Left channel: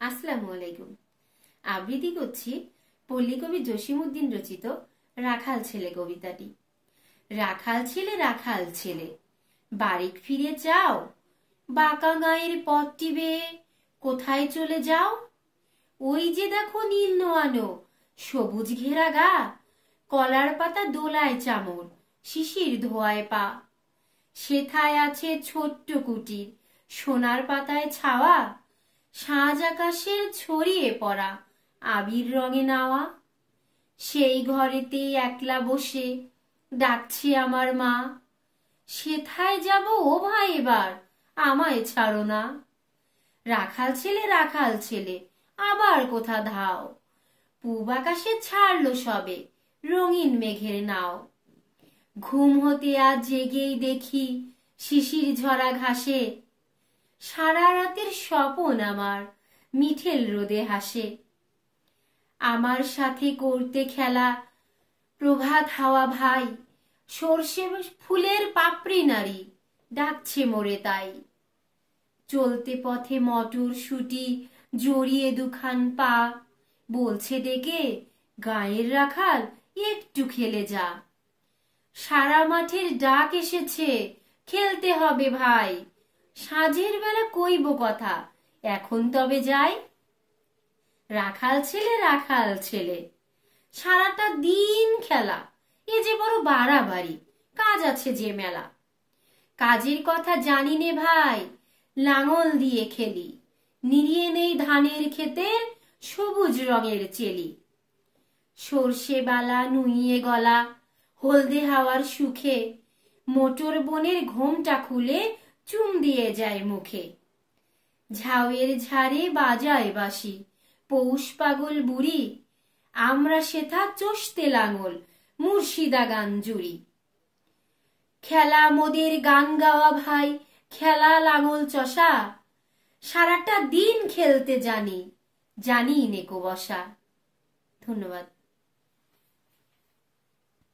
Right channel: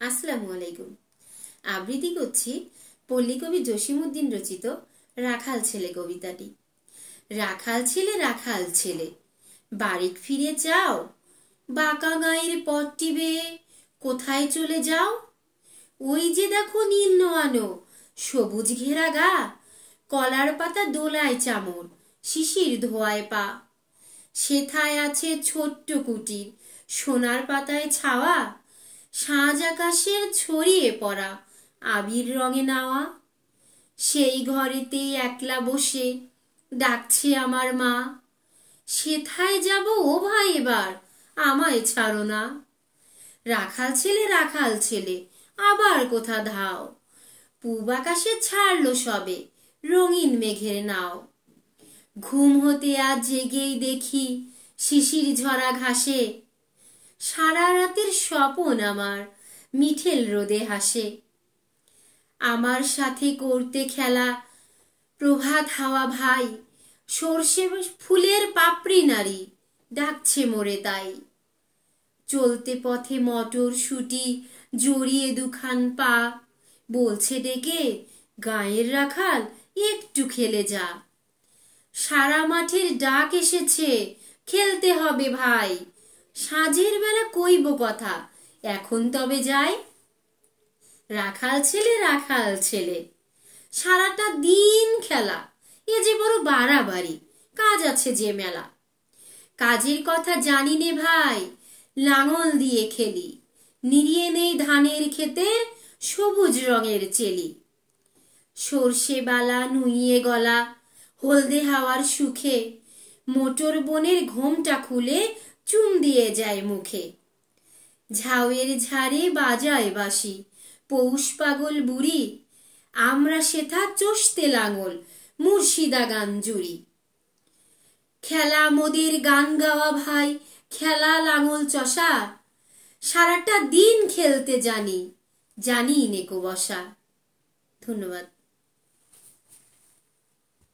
আসসালামু আলাইকুম। আবৃত্তি করছি পল্লী কবি জসিমউদ্দিন রচিত রাখাল ছেলে কবিতাটি। রাখাল ছেলে, রাখাল ছেলে, বাড়ি ফিরে যাও, বাঁকা গাঁয়ের পথটি বেয়ে কোথায় চলে যাও? ওই যে দেখো নীল নোয়ানো সবুজ ঘেরা গা, কলার পাতা দোলায় চামর, শিশির ধোয়ায় পা। সেথায় আছে ছোট্ট কুটির, সোনার পাতায় ছাওয়া, সাঁঝ আকাশের ছড়িয়ে পড়া আবির রঙে নাওয়া। সেই ঘরেতে একলা বসে ডাকছে আমার মা, সেথায় যাব ও ভাই এবার, আমায় ছাড়ো না। রাখাল ছেলে, রাখাল ছেলে, আবার কোথা ধাও, পূব আকাশে ছাড়লো সবে রঙিন মেঘের নাও। ঘুম হতে আজ জেগেই দেখি শিশির ঝরা ঘাসে, সারা রাতের স্বপন আমার মিঠেল রোদে হাসে। আমার সাথে করতে খেলা প্রভাত হাওয়া ভাই, সর্ষে ফুলের পাপড়ি নারী ডাকছে মোরে তাই। চলতে পথে মটর শুটি জড়িয়ে দুখান পা, বলছে ডেকে গায়ের রাখাল একটু খেলে যা। সারা মাঠের ডাক এসেছে, খেলতে হবে ভাই, সাঁঝের বেলা কইব কথা, এখন তবে যাই। রাখাল ছেলে, রাখাল ছেলে, সারাটা দিন খেলা, এ যে বড় বাড়াবাড়ি, কাজ আছে যে মেলা। কাজের কথা জানি নে ভাই, লাঙল দিয়ে খেলি, নিড়িয়ে নেই ধানের ক্ষেতের সবুজ রঙের চেলি। সর্ষে বালা নুইয়ে গলা হলদে হাওয়ার সুখে, মোটর বনের ঘোমটা খুলে চুম দিয়ে যায় মুখে। ঝাউয়ের ঝাড়ে বাজায় বাঁশি পৌষ পাগল বুড়ি, আমরা সেথা চষতে লাঙল মুর্শিদা গান জুড়ি। খেলা মোদের গান গাওয়া ভাই, খেলা লাঙল চষা, সারাটা দিন খেলতে জানি, জানি নেকো বসা। ধন্যবাদ।